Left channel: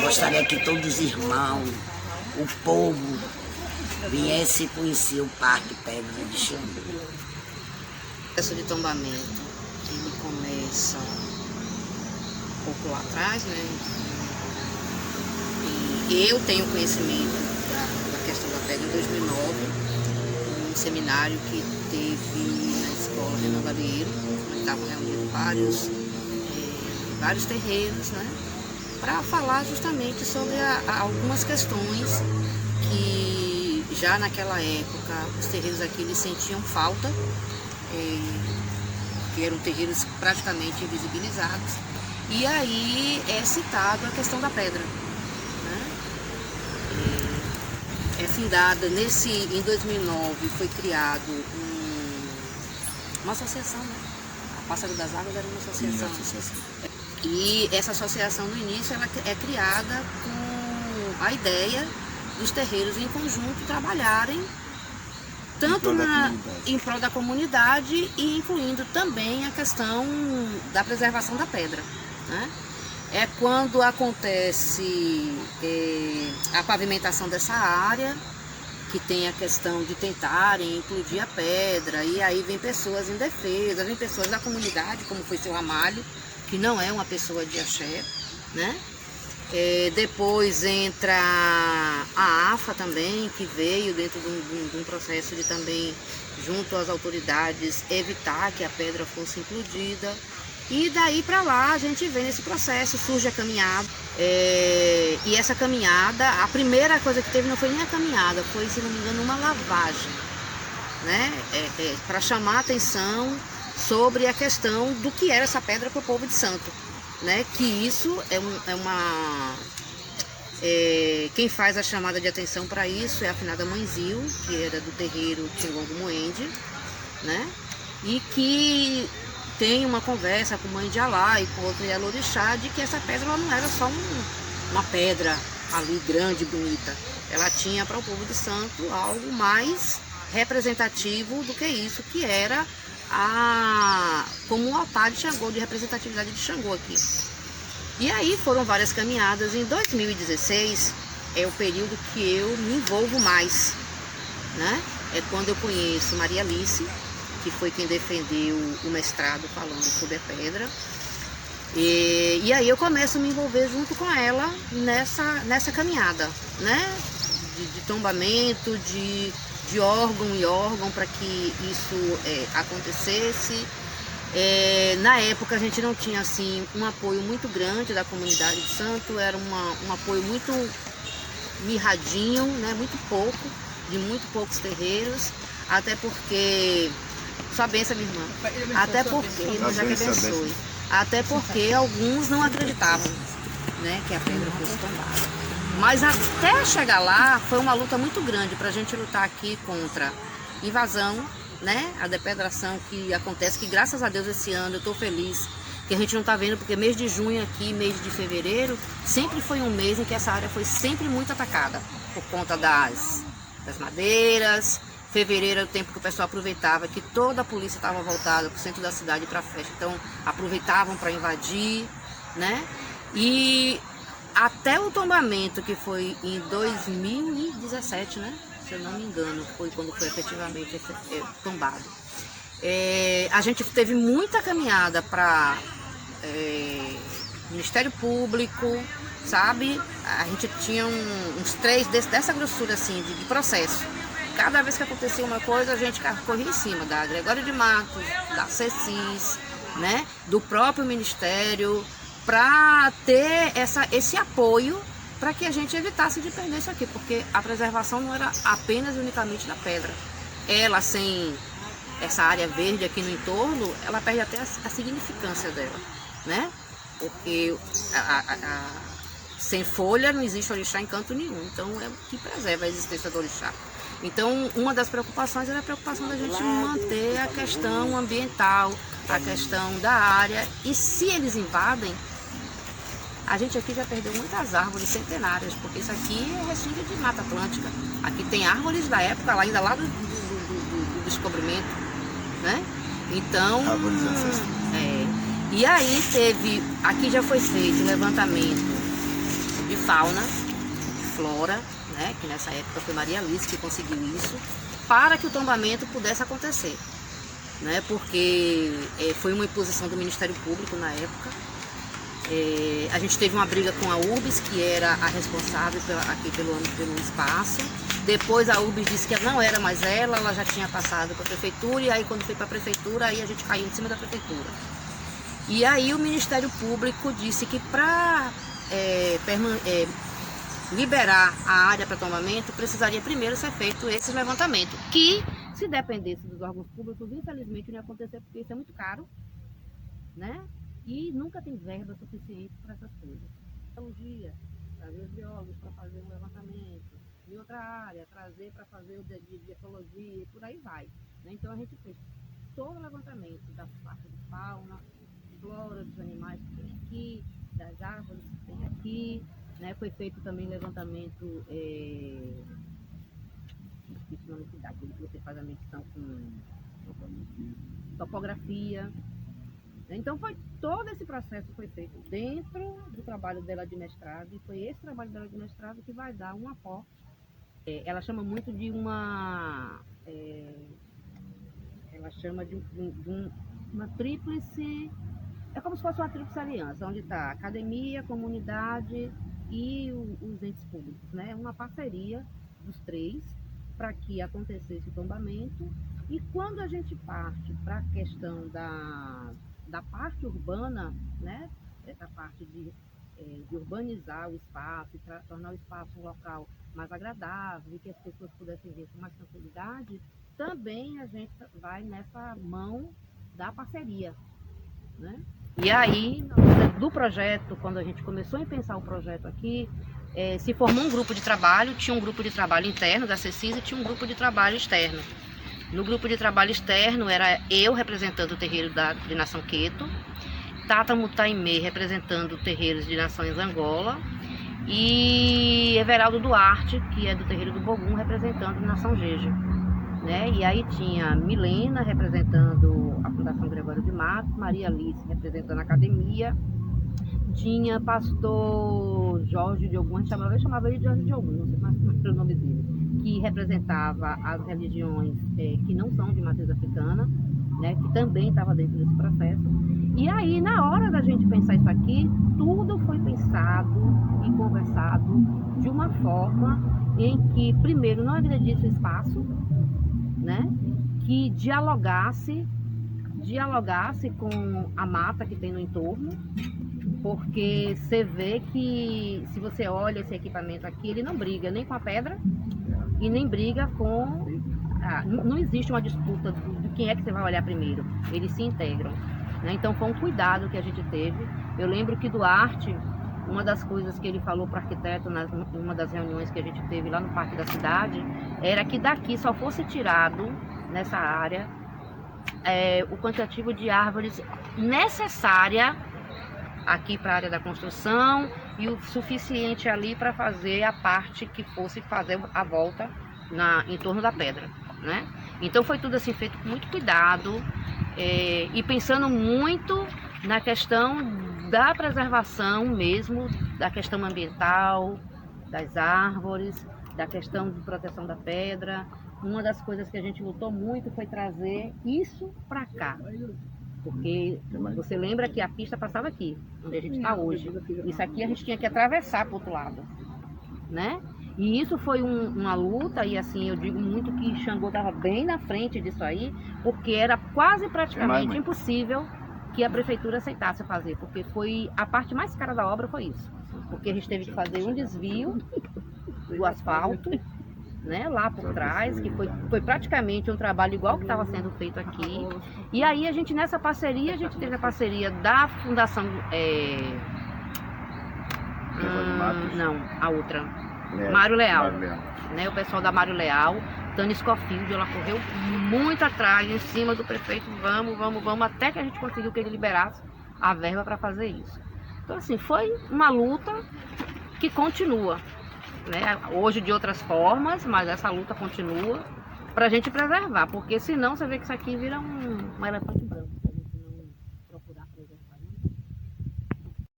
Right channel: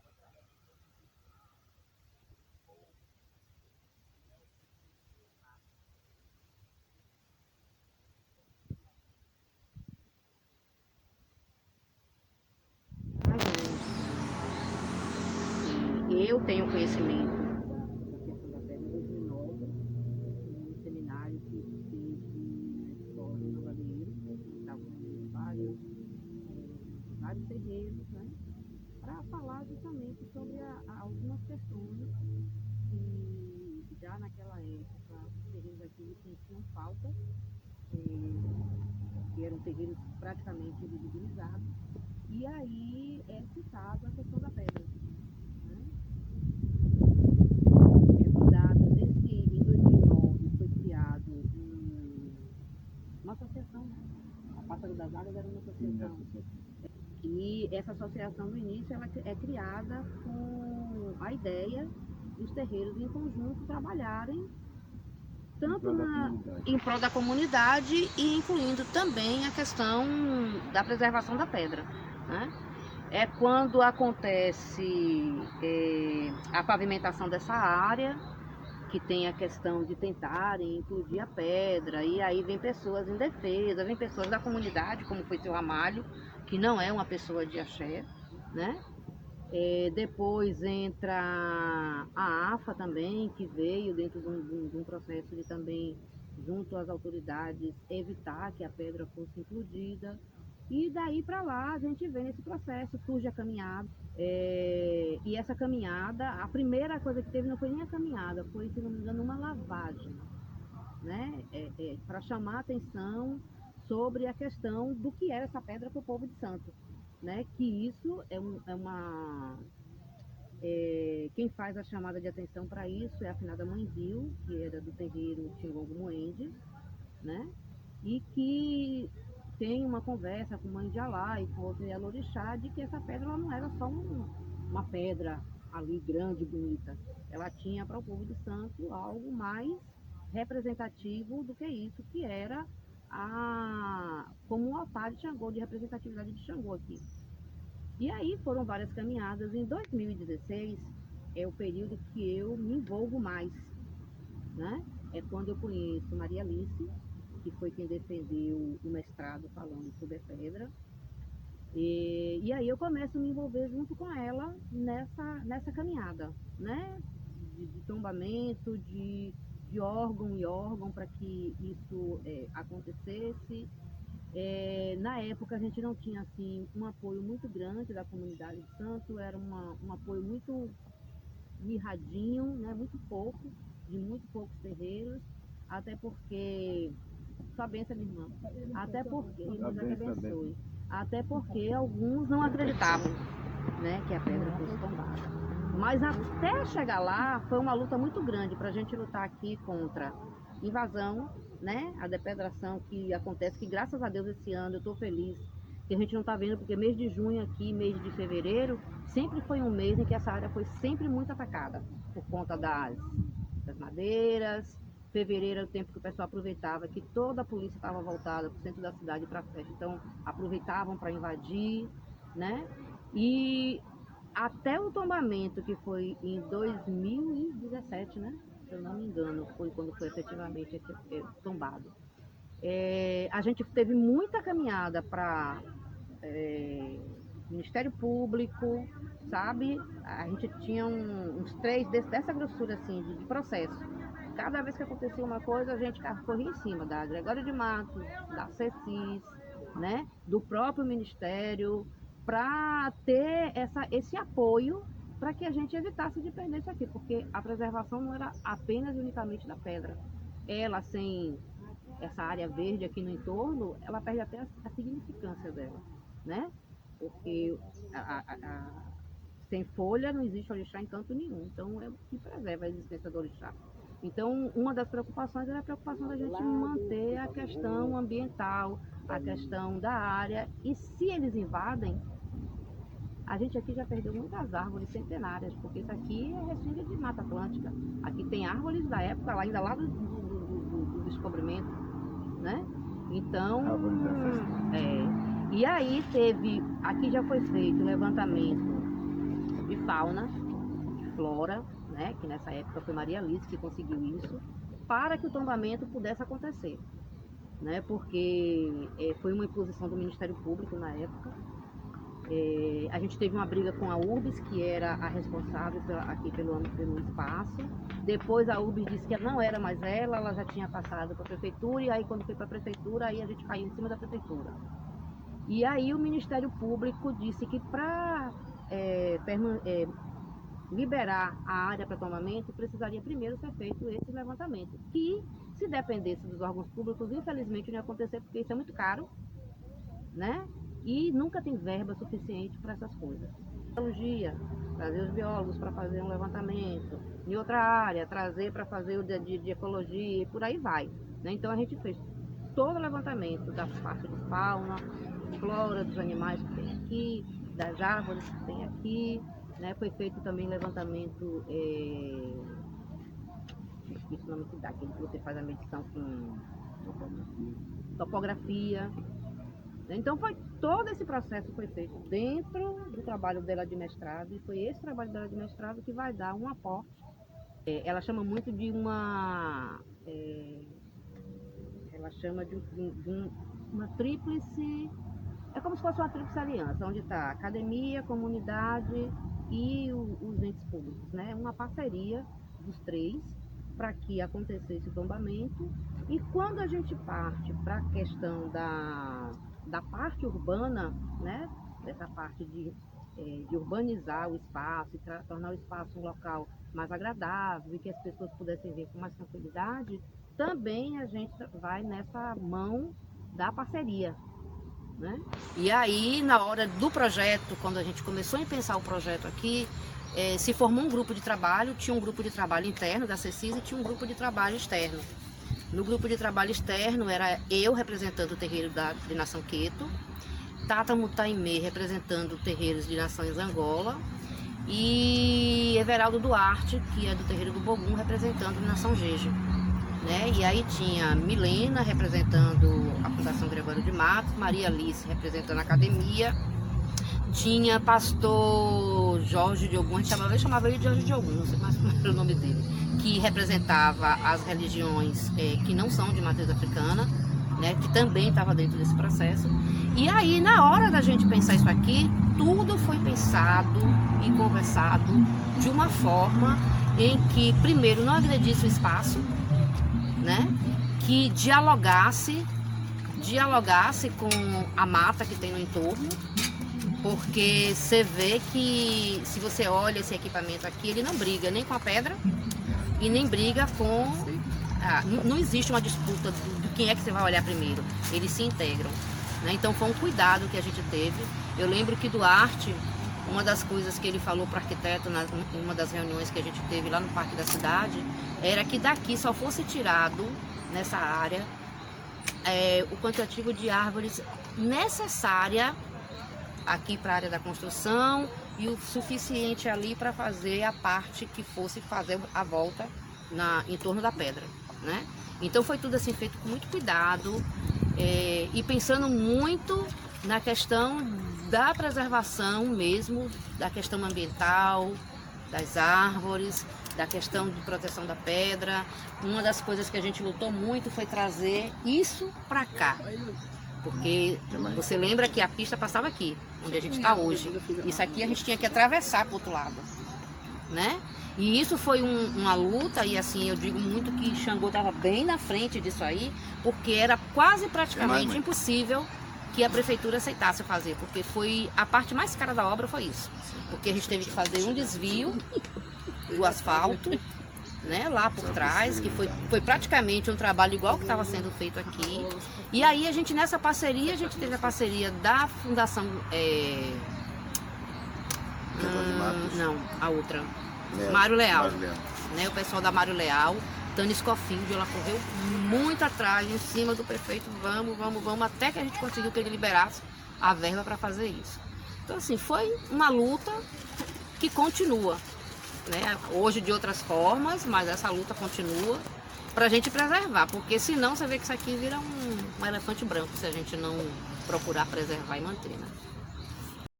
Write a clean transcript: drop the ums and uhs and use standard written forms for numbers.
Gostaria que todos os irmãos, o povo, viesse conhecer o Parque Pedra de Xangô. O processo de tombamento, ele começa um pouco lá atrás, né? E eu tenho conhecimento da questão da pedra em 2009, um seminário que teve na escola Renan Balieiro, onde estavam reunidos vários terreiros, né? Para falar justamente sobre algumas questões que já naquela época os terreiros aqui eles sentiam falta, que eram terreiros praticamente invisibilizados, e aí é citado a questão da pedra, né? É fundada em 2009 foi criado uma associação, né? A Pássaro das Águas era uma associação. E essa associação no início ela é criada com a ideia dos terreiros em conjunto trabalharem tanto em prol da comunidade e incluindo também a questão da preservação da pedra, né? É quando acontece a pavimentação dessa área, que tem a questão de tentarem implodir a pedra, e aí vem pessoas indefesas, vem pessoas da comunidade, como foi seu Ramalho, que não é uma pessoa de axé, né? Depois entra a AFA também, que veio dentro de um processo de também, junto às autoridades, evitar que a pedra fosse implodida. E daí para lá a gente vê nesse processo, surge a caminhada. E essa caminhada, a primeira coisa que teve não foi nem a caminhada, foi, se não me engano, uma lavagem, né? Para chamar a atenção sobre a questão do que era essa pedra para o povo de Santo, né? Que isso quem faz a chamada de atenção para isso é a afinada Mãe Zil, que era do terreiro Tingongo Moende, né? E que tem uma conversa com Mãe de Alá e com outra Yalorixá de que essa pedra ela não era só uma pedra ali grande, bonita. Ela tinha para o povo de Santo algo mais representativo do que isso, que era como um altar de Xangô, de representatividade de Xangô aqui. E aí foram várias caminhadas. Em 2016 é o período que eu me envolvo mais, né? É quando eu conheço Maria Alice, que foi quem defendeu o mestrado falando sobre a pedra. E aí eu começo a me envolver junto com ela nessa caminhada, né? De tombamento, de órgão em órgão para que isso acontecesse. Na época a gente não tinha assim um apoio muito grande da comunidade de Santo, era um apoio muito mirradinho, né? Muito pouco, de muito poucos terreiros, até porque, sua bênção, minha irmã, até porque, já que abençoe, até porque alguns não acreditavam, né, que a pedra fosse tombada. Mas até chegar lá foi uma luta muito grande para a gente lutar aqui contra invasão, né? A depredação que acontece, que graças a Deus esse ano eu estou feliz que a gente não está vendo, porque mês de junho aqui, mês de fevereiro, sempre foi um mês em que essa área foi sempre muito atacada por conta das madeiras. Fevereiro é o tempo que o pessoal aproveitava, que toda a polícia estava voltada para o centro da cidade para festa, então aproveitavam para invadir, né? E até o tombamento, que foi em 2017, né? Se eu não me engano, foi quando foi efetivamente tombado. A gente teve muita caminhada para Ministério Público, sabe? A gente tinha uns 3 dessa grossura assim, de processo. Cada vez que acontecia uma coisa, a gente corria em cima da Gregório de Matos, da CECIS, né? Do próprio Ministério, para ter esse apoio para que a gente evitasse de perder isso aqui, porque a preservação não era apenas e unicamente da pedra. Ela, sem essa área verde aqui no entorno, ela perde até a significância dela, né? Porque sem folha não existe orixá em canto nenhum, então é o que preserva a existência do orixá. Então, uma das preocupações era a preocupação da gente manter a questão ambiental, a questão da área, e se eles invadem, a gente aqui já perdeu muitas árvores centenárias, porque isso aqui é resíduo de Mata Atlântica. Aqui tem árvores da época, ainda lá do descobrimento, né? Então, e aí aqui já foi feito um levantamento de fauna, flora, né, que nessa época foi Maria Alice que conseguiu isso, para que o tombamento pudesse acontecer, né, porque foi uma imposição do Ministério Público na época. A gente teve uma briga com a URBS, que era a responsável aqui pelo espaço. Depois a URBS disse que não era mais ela já tinha passado para a prefeitura, e aí quando foi para a prefeitura, aí a gente caiu em cima da prefeitura. E aí o Ministério Público disse que para liberar a área para tombamento, precisaria primeiro ser feito esse levantamento, que se dependesse dos órgãos públicos, infelizmente não ia acontecer, porque isso é muito caro, né? E nunca tem verba suficiente para essas coisas. Biologia, trazer os biólogos para fazer um levantamento, em outra área, trazer para fazer o de ecologia, e por aí vai, né? Então a gente fez todo o levantamento da parte de fauna, flora, dos animais que tem aqui, das árvores que tem aqui, né? Foi feito também levantamento, esqueci o nome que dá, que você faz a medição com topografia. Então todo esse processo foi feito dentro do trabalho dela de mestrado, e foi esse trabalho dela de mestrado que vai dar um aporte. Ela chama muito de uma uma tríplice, é como se fosse uma tríplice aliança, onde está academia, comunidade e os entes públicos, né? Uma parceria dos três para que acontecesse o tombamento. E quando a gente parte para a questão da parte urbana, né? Dessa parte de urbanizar o espaço e tornar o espaço um local mais agradável e que as pessoas pudessem vir com mais facilidade, também a gente vai nessa mão da parceria, né? E aí, na hora do projeto, quando a gente começou a pensar o projeto aqui, se formou um grupo de trabalho. Tinha um grupo de trabalho interno da CECIS e tinha um grupo de trabalho externo. No grupo de trabalho externo era eu representando o terreiro de Nação Queto, Tata Mutaimê representando terreiros de Nações Angola e Everaldo Duarte, que é do terreiro do Bogum, representando Nação Jeje, né? E aí tinha Milena representando a Fundação Gregório de Matos, Maria Alice representando a academia, tinha pastor Jorge de Ogum, a gente chamava ele de Jorge de Ogum, não sei mais como era o nome dele, que representava as religiões que não são de matriz africana, né, que também estava dentro desse processo. E aí, na hora da gente pensar isso aqui, tudo foi pensado e conversado de uma forma em que, primeiro, não agredisse o espaço, né, que dialogasse com a mata que tem no entorno, porque você vê que, se você olha esse equipamento aqui, ele não briga nem com a pedra e nem briga com... não existe uma disputa de quem é que você vai olhar primeiro, eles se integram, né? Então foi um cuidado que a gente teve. Eu lembro que Duarte, uma das coisas que ele falou para o arquiteto em uma das reuniões que a gente teve lá no Parque da Cidade, era que daqui só fosse tirado, nessa área, o quantitativo de árvores necessária aqui para a área da construção e o suficiente ali para fazer a parte que fosse fazer a volta em torno da pedra, né? Então foi tudo assim feito com muito cuidado e pensando muito na questão da preservação mesmo, da questão ambiental, das árvores, da questão de proteção da pedra. Uma das coisas que a gente lutou muito foi trazer isso para cá, porque você lembra que a pista passava aqui, onde a gente está hoje. Isso aqui a gente tinha que atravessar para o outro lado, né? E isso foi uma luta, e assim, eu digo muito que Xangô estava bem na frente disso aí, porque era quase praticamente impossível que a prefeitura aceitasse fazer, porque foi a parte mais cara da obra, foi isso. Porque a gente teve que fazer um desvio do asfalto, né, lá por trás, que foi praticamente um trabalho igual que estava sendo feito aqui. E aí a gente, nessa parceria, a gente teve a parceria da Fundação... não, a outra... Mário Leal, né, o pessoal da Mário Leal, Tânia Scofield, ela correu muito atrás, em cima do prefeito, vamos, até que a gente conseguiu que ele liberasse a verba para fazer isso. Então assim, foi uma luta que continua, né, hoje de outras formas, mas essa luta continua para a gente preservar, porque senão você vê que isso aqui vira um elefante branco, se a gente não procurar preservar e manter, né?